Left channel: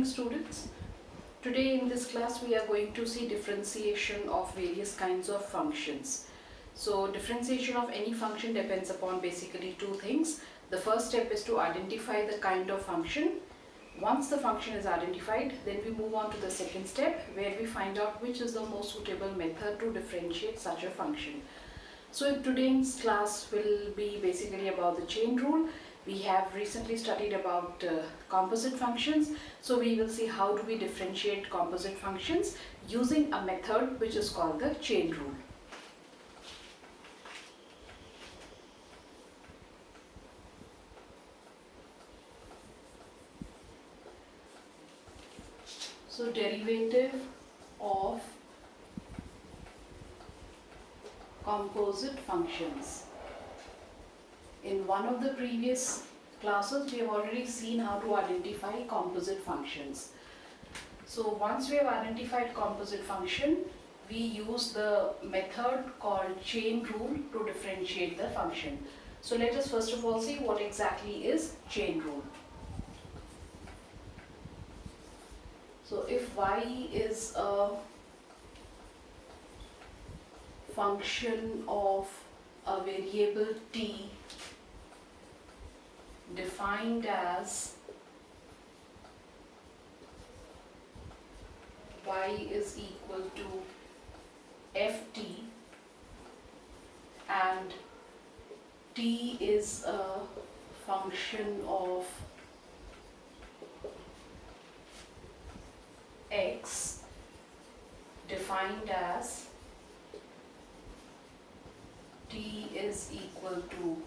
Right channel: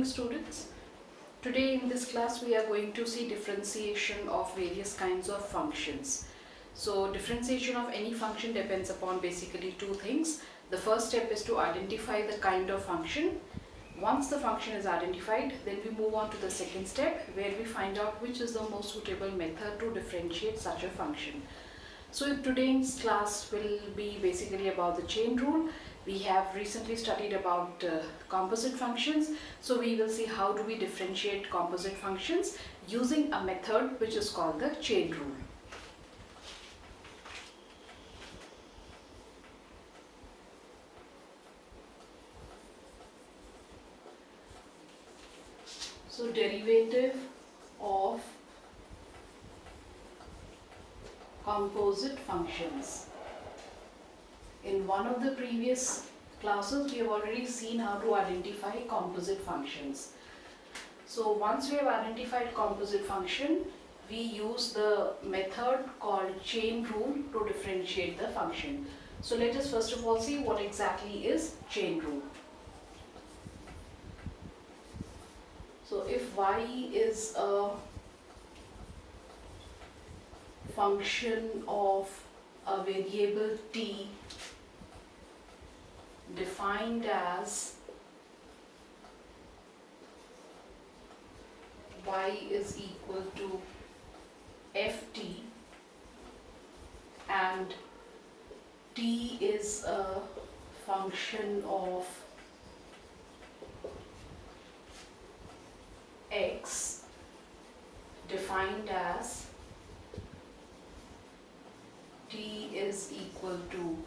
morning, students. Today in this class we are going to see differentiation of various kinds of functions. So differentiation of any function depends upon basically two things. The first step is to identify the kind of function. Once the function is identified, then we move on to the second step where we find out which is the most suitable method to differentiate such a function. So today's class will be basically about the chain rule. We have recently studied about composite functions. So we will see how do we differentiate composite functions using a method which is called the chain rule. So derivative of composite functions. In one of the previous classes, we have already seen how to identify composite functions. So once we have identified composite function, we use the method called chain rule to differentiate the function. So let us first of all see what exactly is chain rule. So if y is a function of a variable t defined as y is equal to ft and t is a function of x defined as t is equal to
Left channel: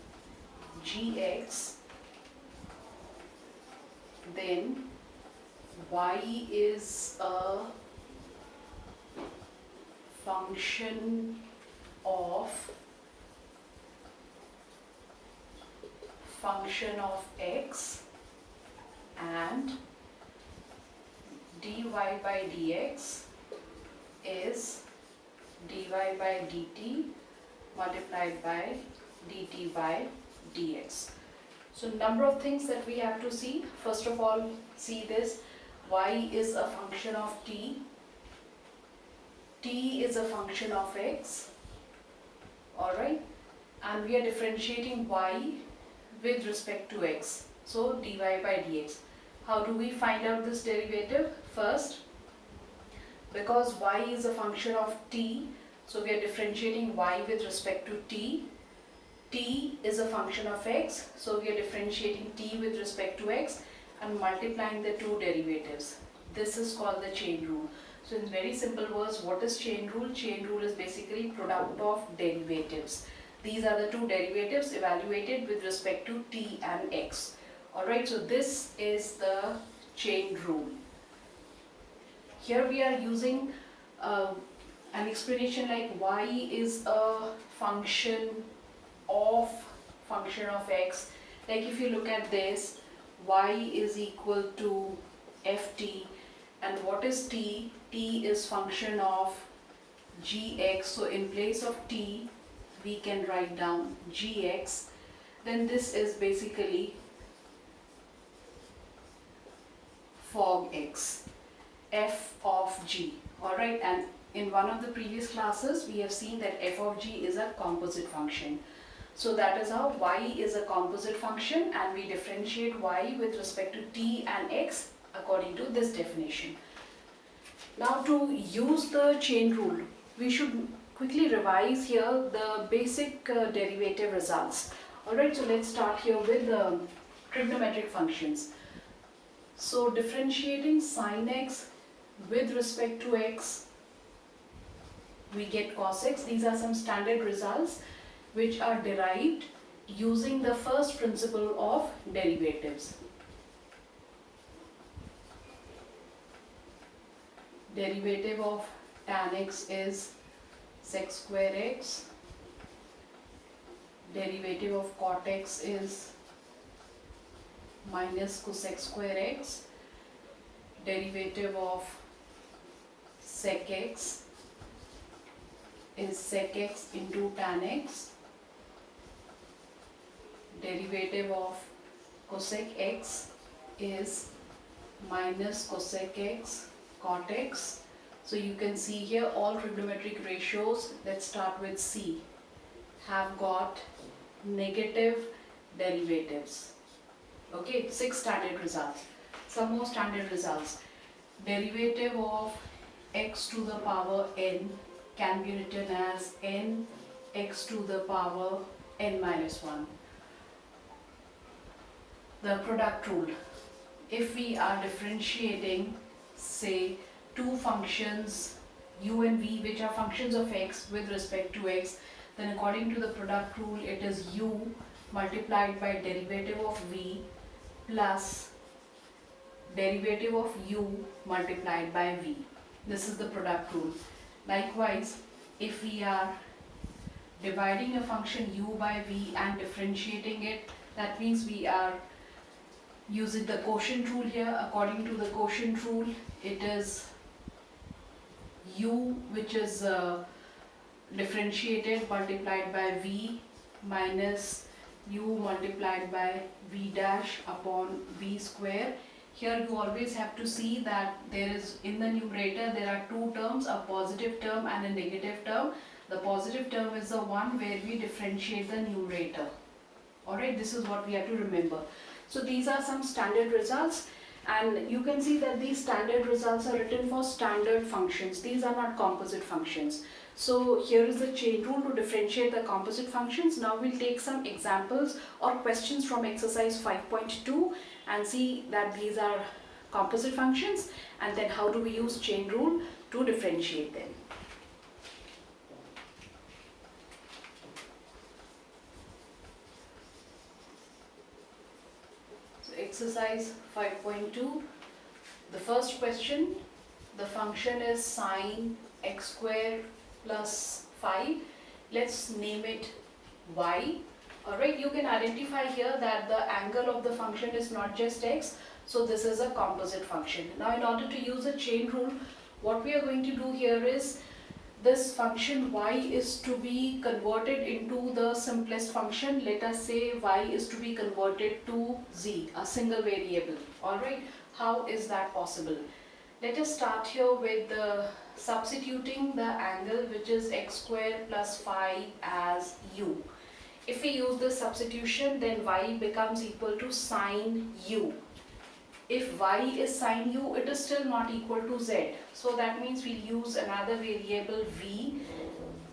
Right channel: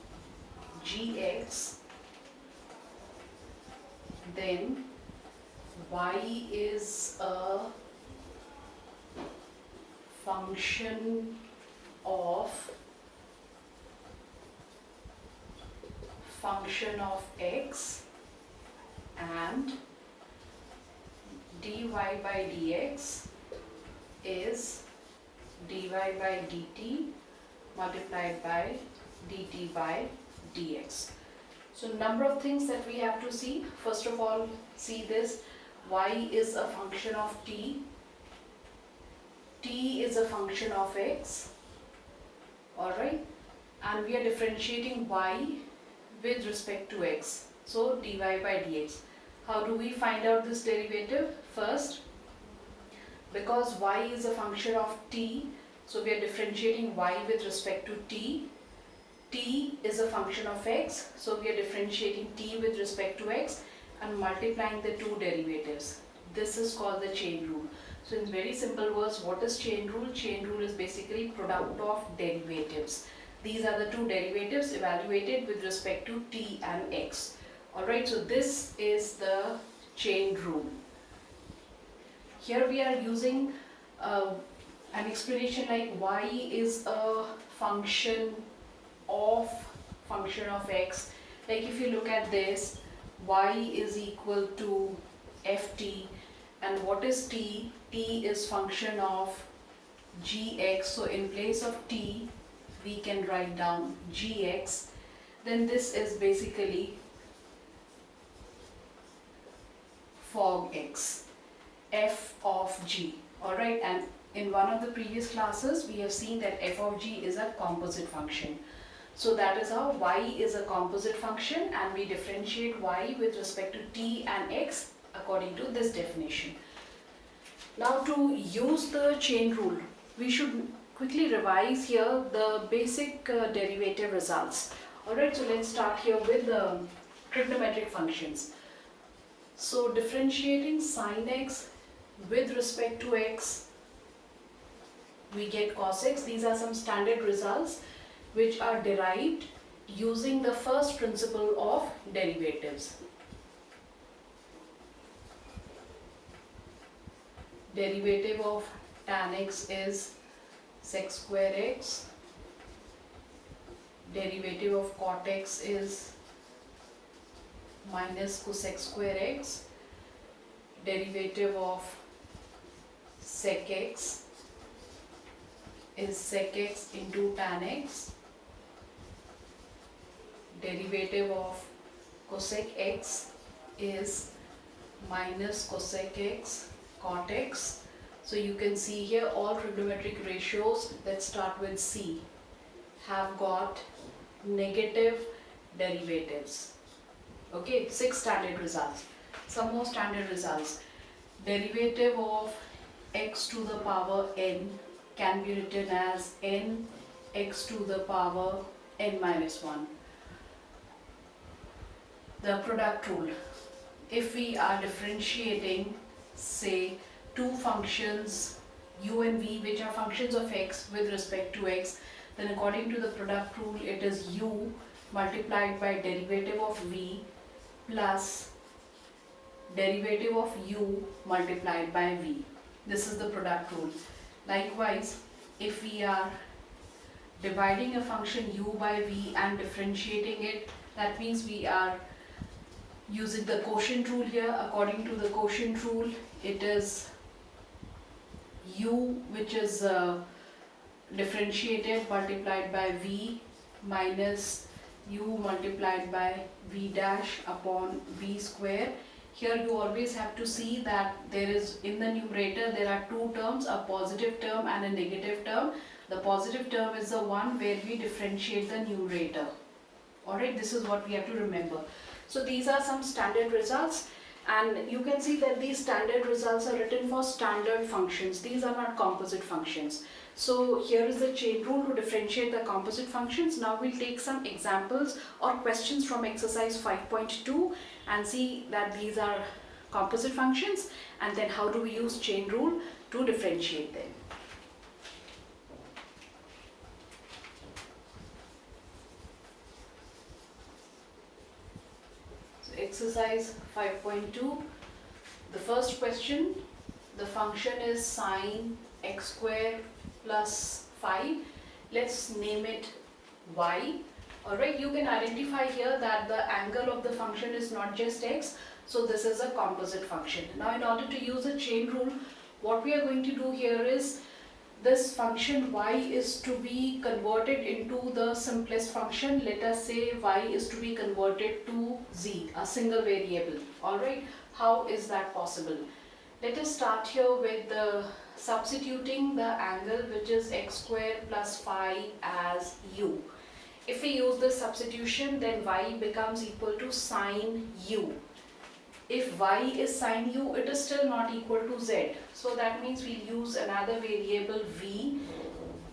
gx, then y is a function of x and dy by dx is dy by dt multiplied by dt by dx. So number of things that we have to see. First of all, see this, y is a function of t is a function of x, alright, and we are differentiating y with respect to x, so dy by dx. How do we find out this derivative? First, because y is a function of t, so we are differentiating y with respect to t. T is a function of x, so we are differentiating t with respect to x and multiplying the two derivatives. This is called the chain rule. So in very simple words, what is chain rule? Chain rule is basically product of derivatives. These are the two derivatives evaluated with respect to t and x. Alright, so this is the chain rule. Here we are using an explanation like y is a function of x. Like if you look at this, y is equal to ft, and what is t? T is function of gx, so in place of t we can write down gx. Then this is basically fog x, f of g. Alright, and in one of the previous classes we have seen that f of g is a composite function. So that is how y is a composite function, and we differentiate y with respect to t and x according to this definition. Now to use the chain rule, we should quickly revise here the basic derivative results. Alright, so let's start here with the trigonometric functions. So differentiating sin x with respect to x, we get cos x. These are some standard results which are derived using the first principle of derivatives. Derivative of tan x is sec square x. Derivative of cot x is minus cosec square x. Derivative of sec x is sec x into tan x. Derivative of cosec x is minus cosec x cot x. So you can see here all trigonometric ratios, let's start with C, have got negative derivatives. Okay, 6 standard results. Some more standard results. Derivative of x to the power n can be written as n x to the power n minus 1. The product rule. If we are differentiating, say, two functions u and v which are functions of x with respect to x, then according to the product rule it is u multiplied by derivative of v plus derivative of u multiplied by v. This is the product rule. Likewise, if we are dividing a function u by v and differentiating it, that means we are using the quotient rule here. According to the quotient rule, it is u which is differentiated multiplied by v minus u multiplied by v dash upon v square. Here you always have to see that there is, in the numerator there are two terms, a positive term and a negative term. The positive term is the one where we differentiate the numerator. Alright, this is what we have to remember. So these are some standard results, and you can see that these standard results are written for standard functions. These are not composite functions. So here is the chain rule to differentiate the composite functions. Now we'll take some examples or questions from exercise 5.2 and see that these are composite functions, and then how do we use chain rule to differentiate them. Exercise 5.2, the first question, the function is sine x square plus 5. Let's name it y. Alright, you can identify here that the angle of the function is not just x, so this is a composite function. Now in order to use a chain rule, what we are going to do here is, this function y is to be converted into the simplest function. Let us say y is to be converted to z, a single variable. Alright, how is that possible? Let us start here with substituting the angle which is x square plus 5 as u. If we use this substitution, then y becomes equal to sine u. If y is sine u, it is still not equal to z. So that means we'll use another variable v,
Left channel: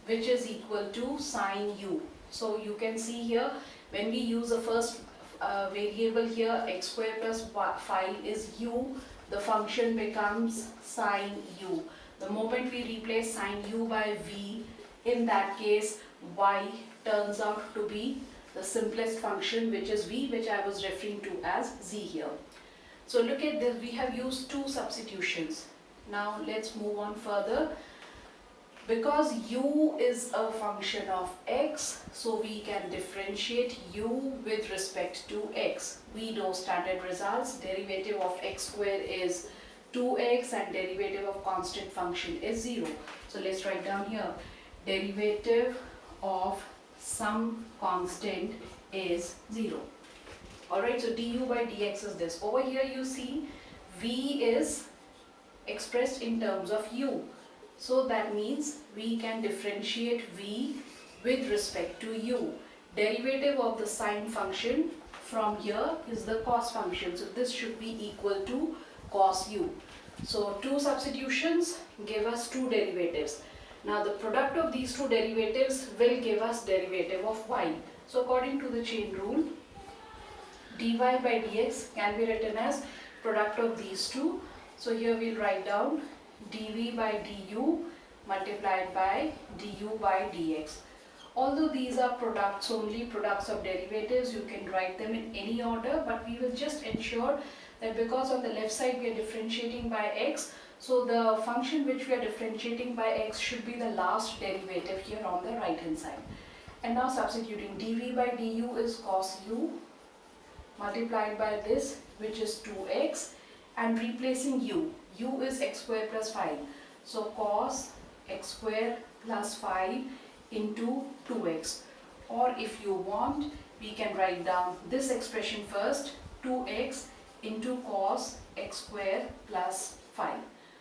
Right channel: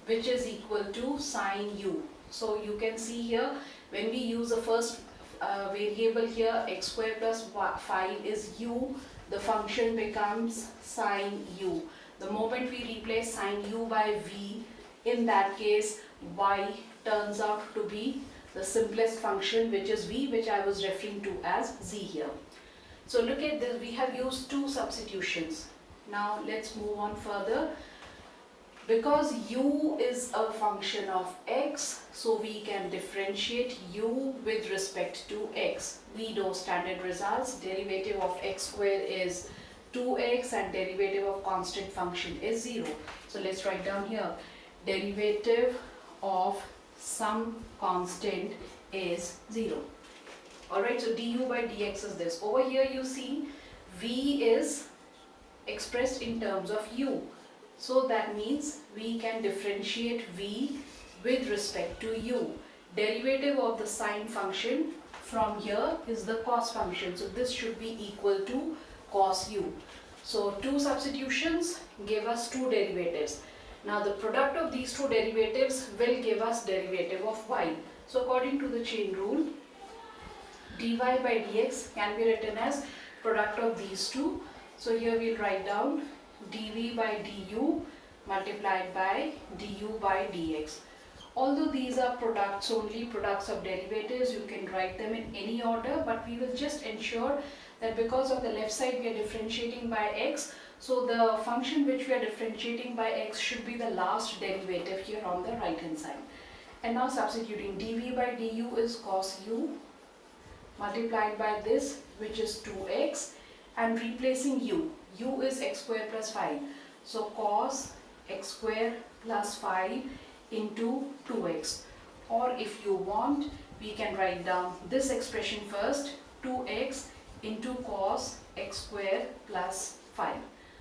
which is equal to sine u. So you can see here, when we use the first variable here, x square plus 5 is u, the function becomes sine u. The moment we replace sine u by v, in that case, y turns out to be the simplest function, which is v, which I was referring to as z here. So look at this, we have used two substitutions. Now let's move on further. Because u is a function of x, so we can differentiate u with respect to x. We know standard results, derivative of x square is 2x and derivative of constant function is 0. So let's write down here, derivative of some constant is 0. Alright, so du by dx is this. Over here you see v is expressed in terms of u. So that means we can differentiate v with respect to u. Derivative of the sine function from here is the cos function. So this should be equal to cos u. So two substitutions give us two derivatives. Now the product of these two derivatives will give us derivative of y. So according to the chain rule, dy by dx can be written as product of these two. So here we'll write down dv by du multiplied by du by dx. Although these are products, only products of derivatives, you can write them in any order, but we will just ensure that because on the left side we are differentiating by x, so the function which we are differentiating by x should be the last derivative here on the right hand side. And now substituting, dv by du is cos u multiplied by this, which is 2x, and replacing u. U is x square plus 5. So cos x square plus 5 into 2x. Or if you want, we can write down this expression first, 2x into cos x square plus 5.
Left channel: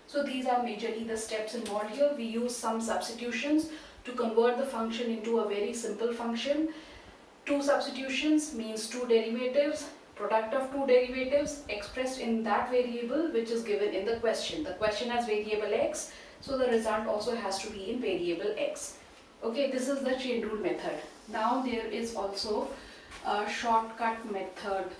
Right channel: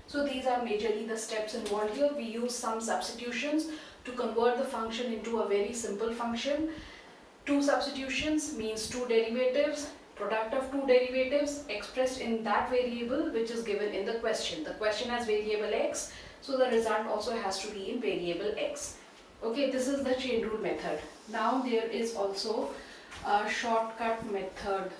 So these are majorly the steps involved here. We use some substitutions to convert the function into a very simple function. Two substitutions means two derivatives, product of two derivatives expressed in that variable which is given in the question. The question has variable x, so the result also has to be in variable x. Okay, this is the chain rule method. Now there is also a shortcut method.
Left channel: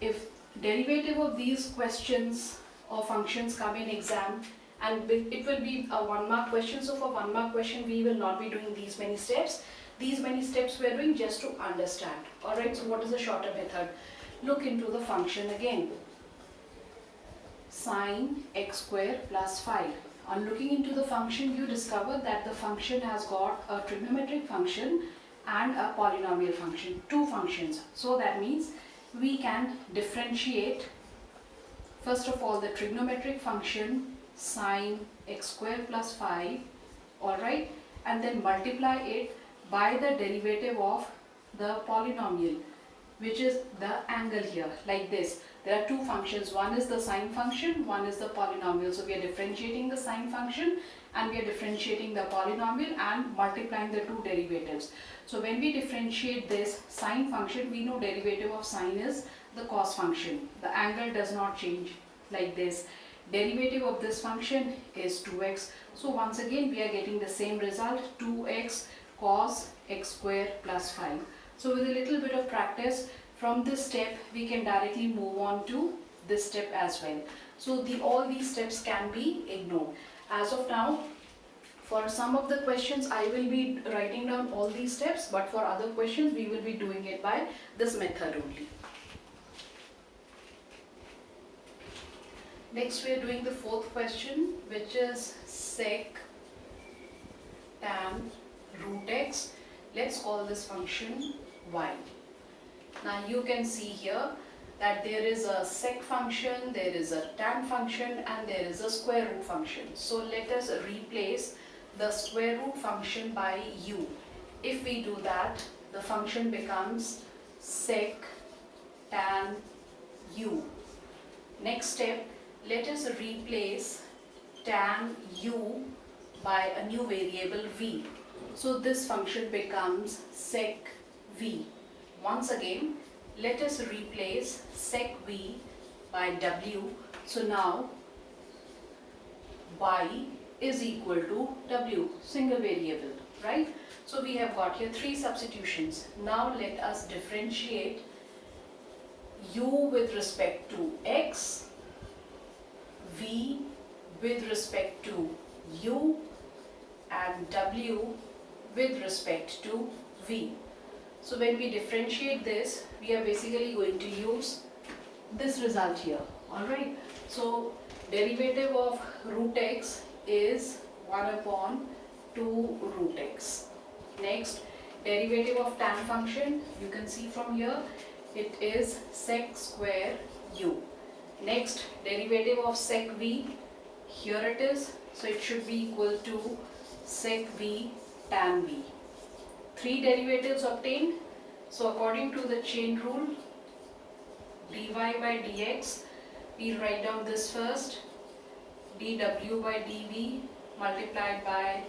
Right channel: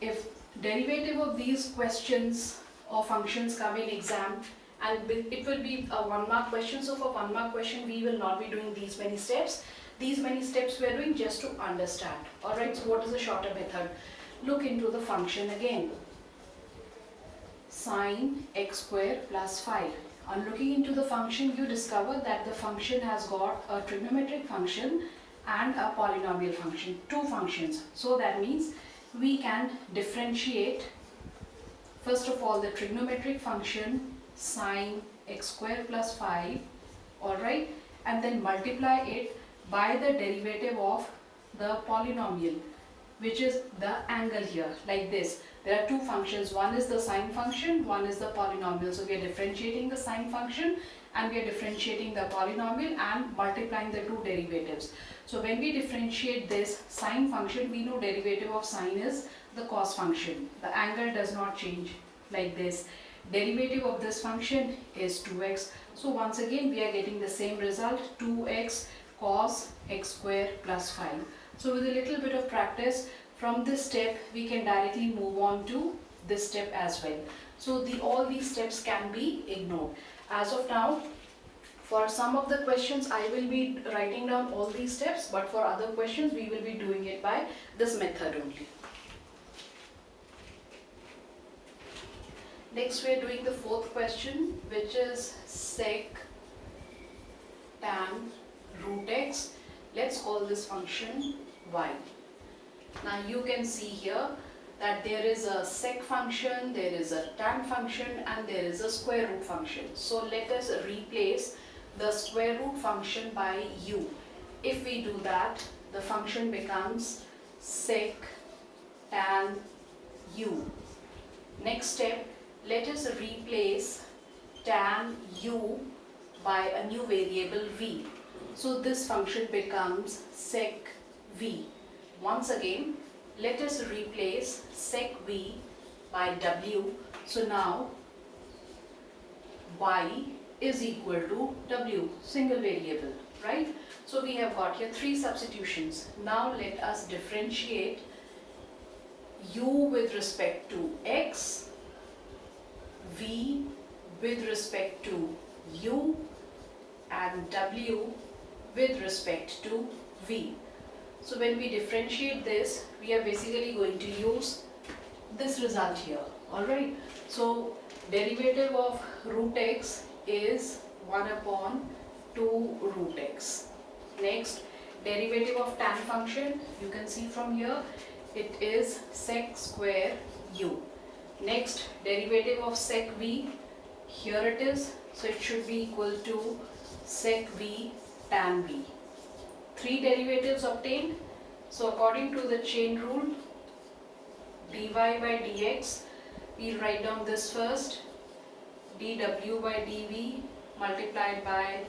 If derivative of these questions or functions come in exam, and it will be a 1 mark question, so for 1 mark question we will not be doing these many steps. These many steps we are doing just to understand. Alright, so what is the shorter method? Look into the function again. Sine x square plus 5. On looking into the function, you discover that the function has got a trigonometric function and a polynomial function, two functions. So that means we can differentiate first of all the trigonometric function sine x square plus 5, alright, and then multiply it by the derivative of the polynomial, which is the angle here, like this. There are two functions, one is the sine function, one is the polynomial. So we are differentiating the sine function and we are differentiating the polynomial and multiplying the two derivatives. So when we differentiate this sine function, we know derivative of sine is the cos function. The angle does not change, like this. Derivative of this function is 2x. So once again we are getting the same result, 2x cos x square plus 5. So with a little bit of practice, from this step we can directly move on to this step as well. So all these steps can be ignored. As of now, for some of the questions I will be writing down all these steps, but for other questions we will be doing it by this method only. Next we are doing the fourth question, which is sec tan root x. Let's call this function y. Now you can see here that there is a sec function, there is a tan function, and there is a square root function. So let us replace the square root function by u. If we do that, the function becomes sec tan u. Next step, let us replace tan u by a new variable v. So this function becomes sec v. Once again, let us replace sec v by w. So now y is equal to w, single variable, right? So we have got here three substitutions. Now let us differentiate u with respect to x, v with respect to u, and w with respect to v. So when we differentiate this, we are basically going to use this result here, alright. So derivative of root x is 1 upon 2 root x. Next, derivative of tan function, you can see from here, it is sec square u. Next, derivative of sec v, here it is, so it should be equal to sec v tan v. Three derivatives obtained. So according to the chain rule, dy by dx, we write down this first, dw by dv multiplied by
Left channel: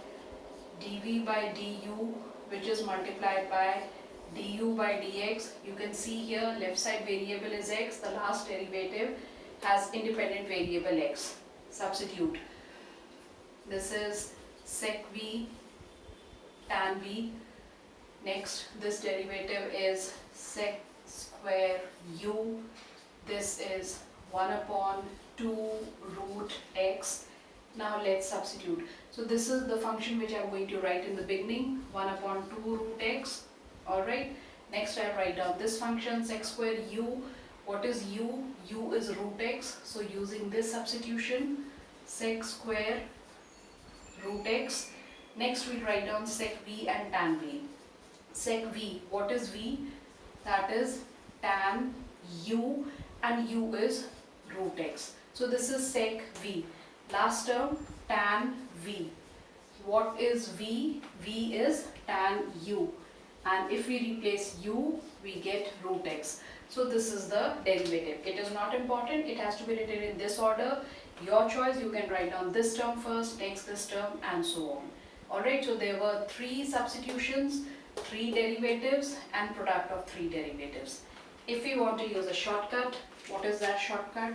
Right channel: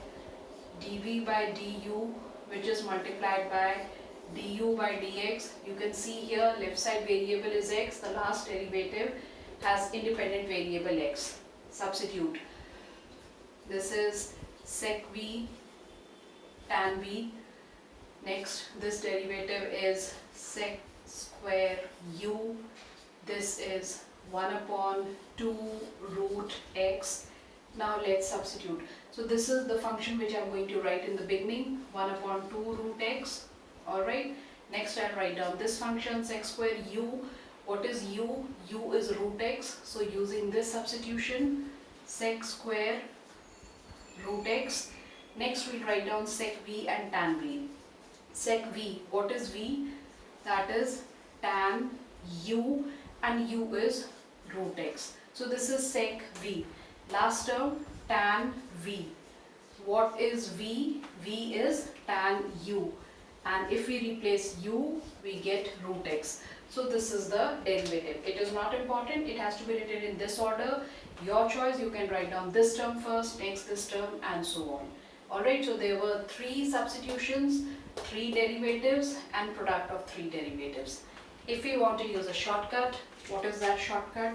dv by du, which is multiplied by du by dx. You can see here left side variable is x, the last derivative has independent variable x. Substitute. This is sec v tan v. Next, this derivative is sec square u. This is 1 upon 2 root x. Now let's substitute. So this is the function which I am going to write in the beginning, 1 upon 2 root x. Alright. Next I'll write down this function, sec square u. What is u? U is root x. So using this substitution, sec square root x. Next we'll write down sec v and tan v. Sec v, what is v? That is tan u, and u is root x. So this is sec v. Last term, tan v. What is v? V is tan u. And if we replace u, we get root x. So this is the derivative. It is not important, it has to be written in this order. Your choice, you can write down this term first, next this term, and so on. Alright, so there were 3 substitutions, 3 derivatives, and product of 3 derivatives. If we want to use a shortcut, what is that shortcut?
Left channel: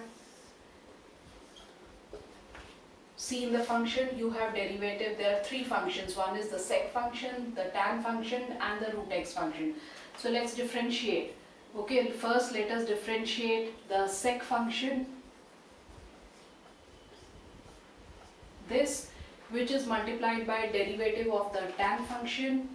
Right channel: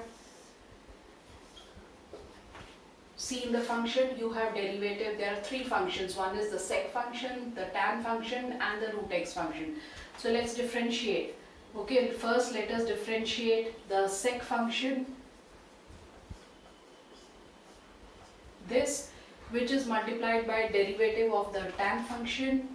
See, in the function you have derivative. There are 3 functions. One is the sec function, the tan function, and the root x function. So let's differentiate. Okay, first let us differentiate the sec function, this, which is multiplied by derivative of the tan function,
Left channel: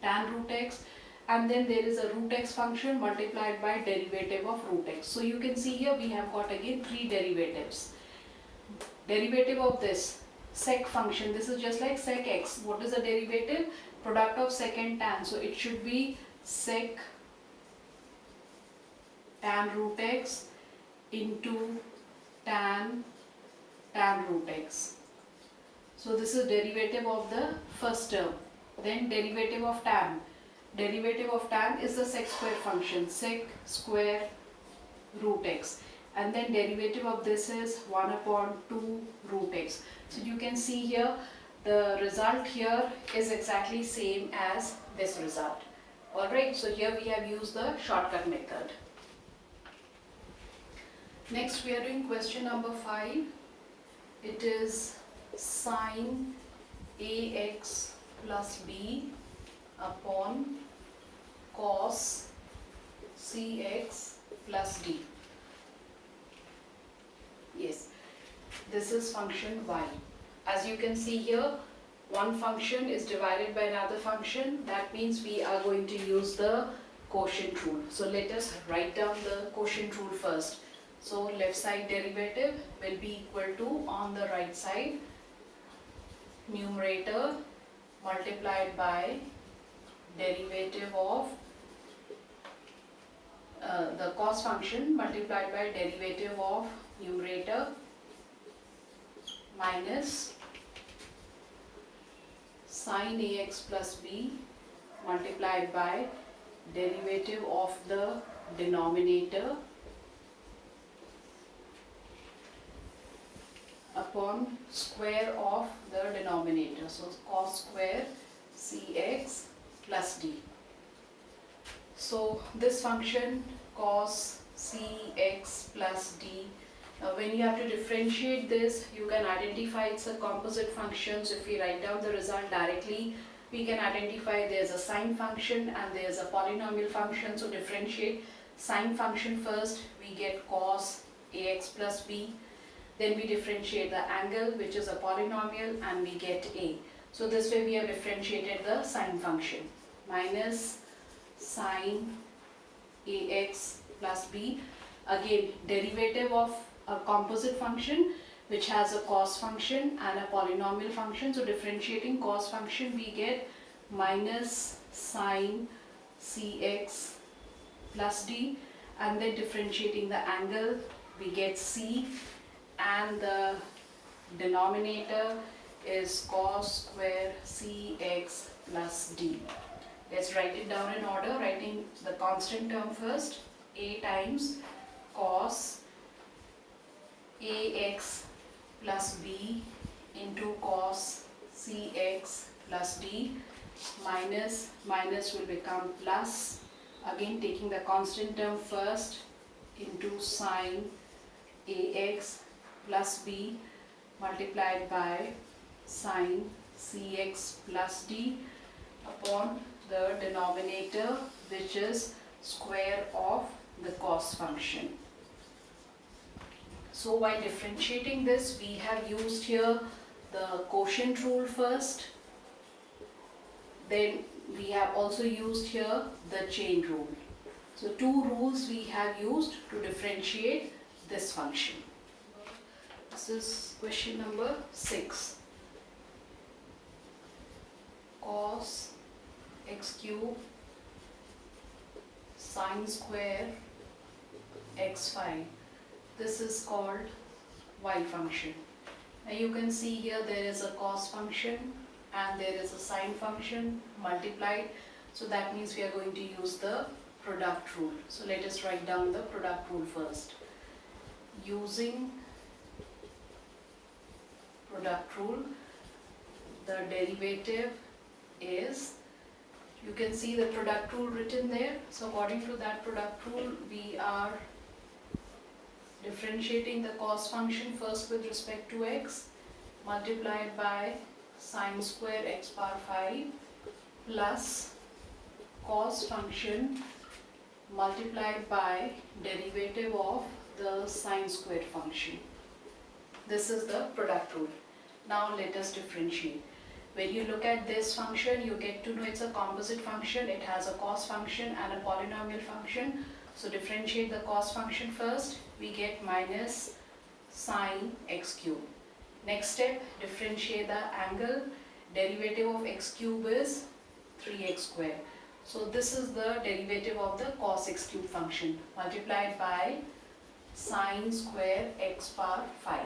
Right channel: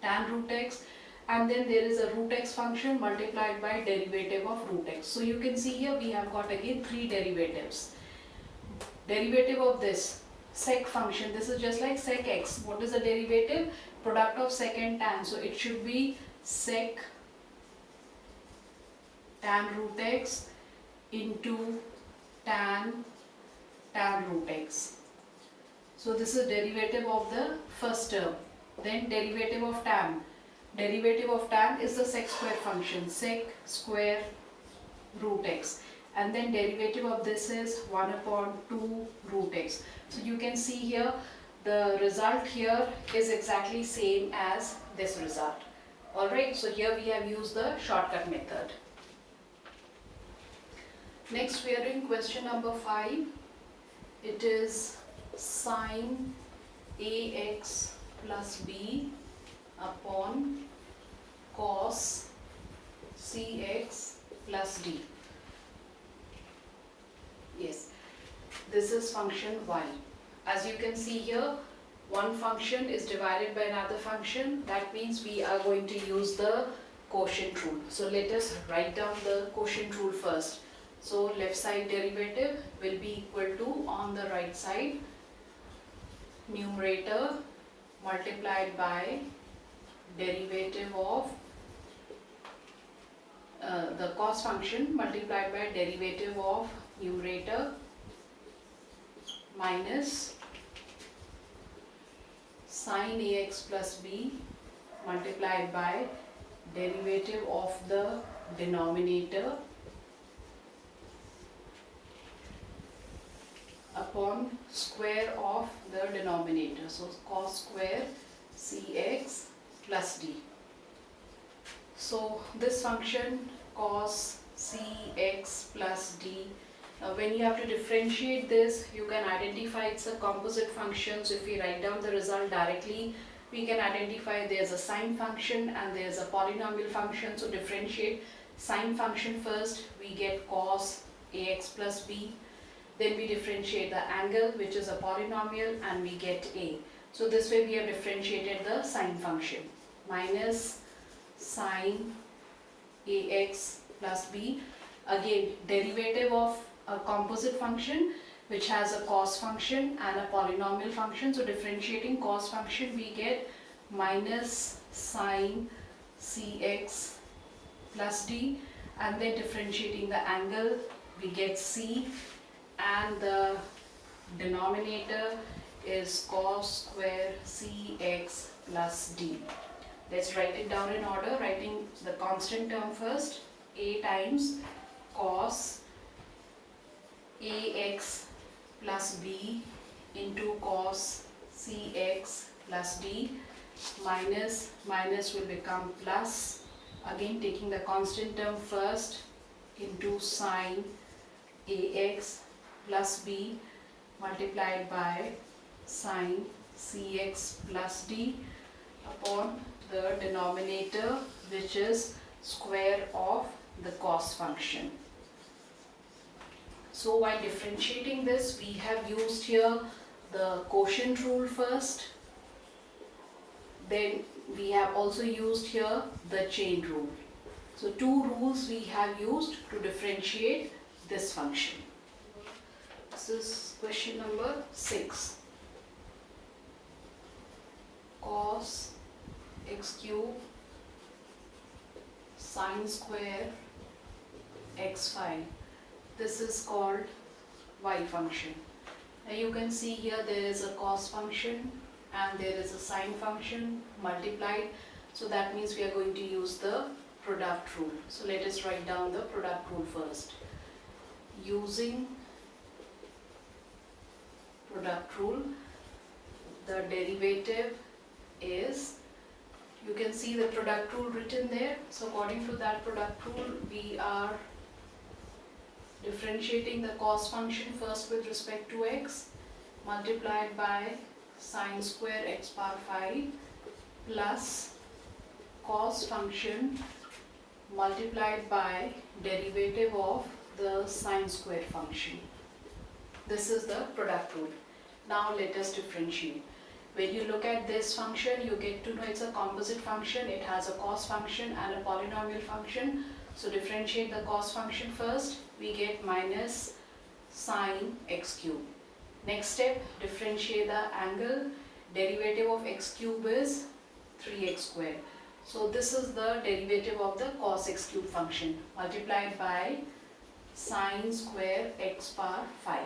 tan root x, and then there is a root x function multiplied by derivative of root x. So you can see here we have got again 3 derivatives. Derivative of this sec function, this is just like sec x. What is the derivative? Product of sec and tan. So it should be sec tan root x into tan root x. So this is derivative of the first term. Then derivative of tan. Derivative of tan is the sec square function, sec square root x, and then derivative of this is 1 upon 2 root x. So you can see here the result here is exactly same as this result. Alright, so here we have used the shortcut method. Next we are doing question number 5. It is sine ax plus b upon cos cx plus d. Yes, this is function y. As you can see here, one function is divided by another function. That means we are going to use the quotient rule. So let us write down the quotient rule first. So left side derivative will be equal to, on the right side, numerator multiplied by derivative of the cos function multiplied by derivative of numerator minus sine ax plus b multiplied by derivative of the denominator upon square of the denominator. So cos square cx plus d. So this function cos cx plus d, when you have to differentiate this, you can identify it's a composite function. So if we write down the result directly, we can identify there's a sine function and there's a polynomial function. So differentiate sine function first, we get cos ax plus b. Then we differentiate the angle, which is a polynomial, and we get a. So this way we have differentiated the sine function. Minus sine ax plus b. Again, derivative of a composite function which has a cos function and a polynomial function. So differentiating cos function, we get minus sine cx plus d, and then differentiating the angle, we get c, and the denominator is cos square cx plus d. Let's write it down in order, writing the constant term first. A times cos ax plus b into cos cx plus d, minus will become plus. Again, taking the constant term first, into sine ax plus b multiplied by sine cx plus d upon the denominator, which is square of the cos function. So while differentiating this, we have used here the quotient rule first. Then we have also used here the chain rule. So 2 rules we have used to differentiate this function. This is question number 6. Cos x cube sine square x5. This is called y function. Now you can see here there is a cos function and there is a sine function multiplied. So that means we are going to use the product rule. So let us write down the product rule first. Using product rule, the derivative is, you can see the product rule written there. So according to that product rule, we are differentiating the cos function first with respect to x, multiplied by sine square x power 5 plus cos function multiplied by derivative of the sine square function. This is the product rule. Now let us differentiate. When you look at this function, you get to know it's a composite function. It has a cos function and a polynomial function. So differentiate the cos function first. We get minus sine x cube. Next step, differentiate the angle. Derivative of x cube is 3x square. So this is the derivative of the cos x cube function multiplied by sine square x power 5.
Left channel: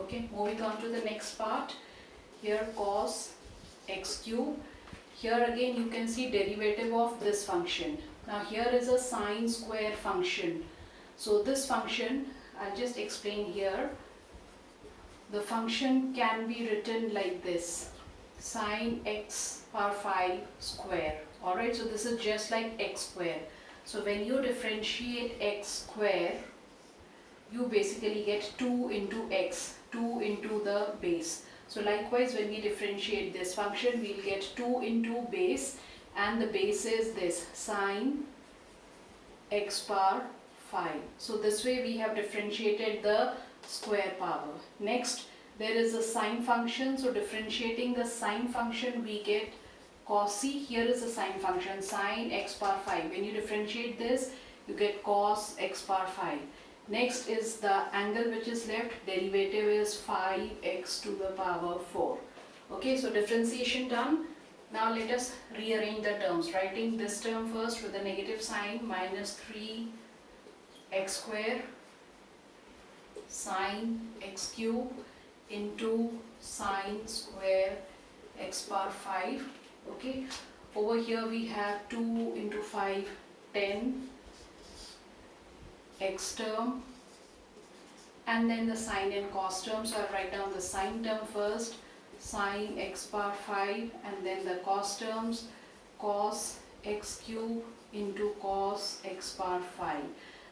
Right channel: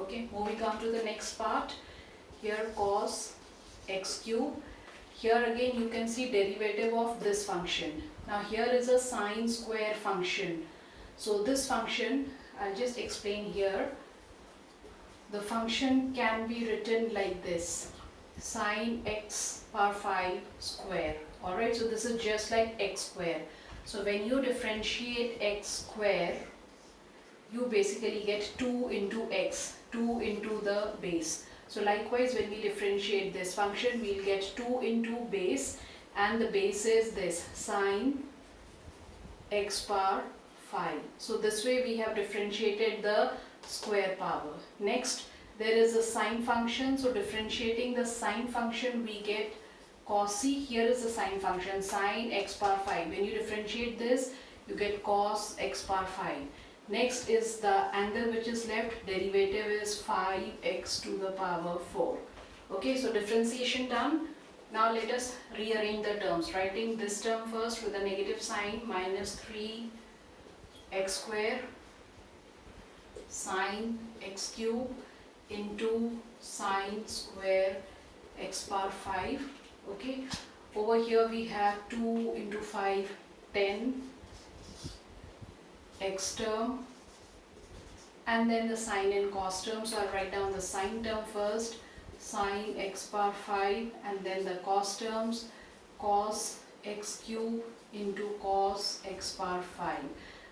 Okay, moving on to the next part. Here cos x cube. Here again you can see derivative of this function. Now here is a sine square function. So this function, I'll just explain here. The function can be written like this: sine x power 5 square. Alright, so this is just like x square. So when you differentiate x square, you basically get 2 into x, 2 into the base. So likewise, when we differentiate this function, we'll get 2 into base, and the base is this, sine x power 5. So this way we have differentiated the square power. Next, there is a sine function. So differentiating the sine function, we get cos. See, here is a sine function, sine x power 5. When you differentiate this, you get cos x power 5. Next is the angle which is left. Derivative is 5x to the power 4. Okay, so differentiation done. Now let us rearrange the terms. Writing this term first with a negative sign, minus 3x square sine x cube into sine square x power 5. Okay, over here we have 2 into 5, 10 x term, and then the sine and cos term. So I'll write down the sine term first, sine x power 5, and then the cos terms, cos x cube into cos x power 5.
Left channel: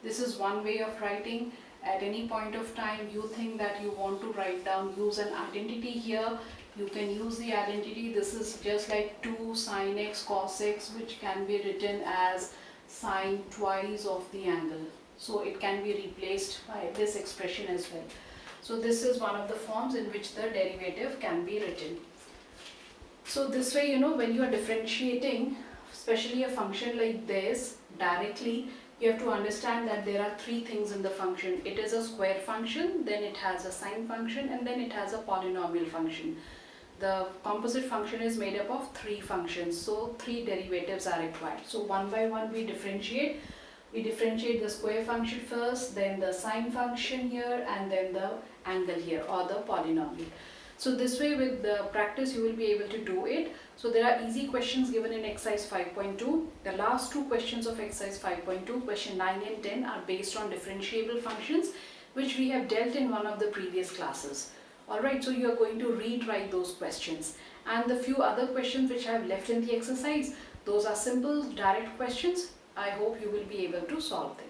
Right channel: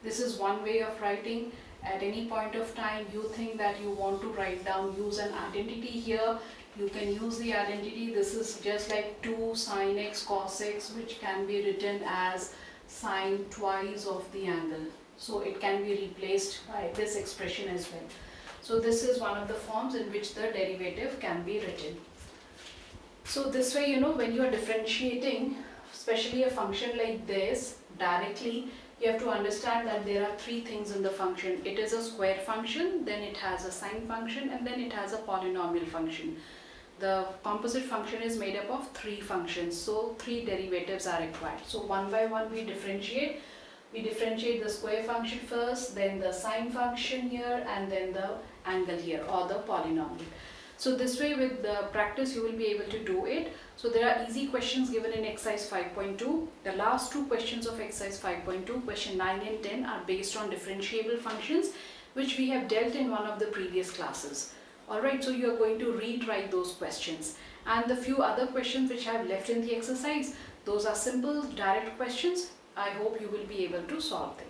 This is one way of writing. At any point of time you think that you want to write down, use an identity here, you can use the identity. This is just like 2 sine x cos x, which can be written as sine twice of the angle. So it can be replaced by this expression as well. So this is one of the forms in which the derivative can be written. So this way, when you are differentiating, especially a function like this, directly, you have to understand that there are 3 things in the function. It is a square function, then it has a sine function, and then it has a polynomial function. The composite function is made up of 3 functions, so 3 derivatives are required. So one by one we differentiate. We differentiate the square function first, then the sine function here, and then the angle here, or the polynomial. So this way, with the practice, you will be able to do it. So there are easy questions given in exercise 5.2. The last 2 questions of exercise 5.2, question 9 and 10, are based on differentiable functions, which we have dealt in one of the previous classes. Alright, so you are going to retry those questions. And the few other questions which I have left in the exercise, those are simple, direct questions. I hope you will be able to solve them.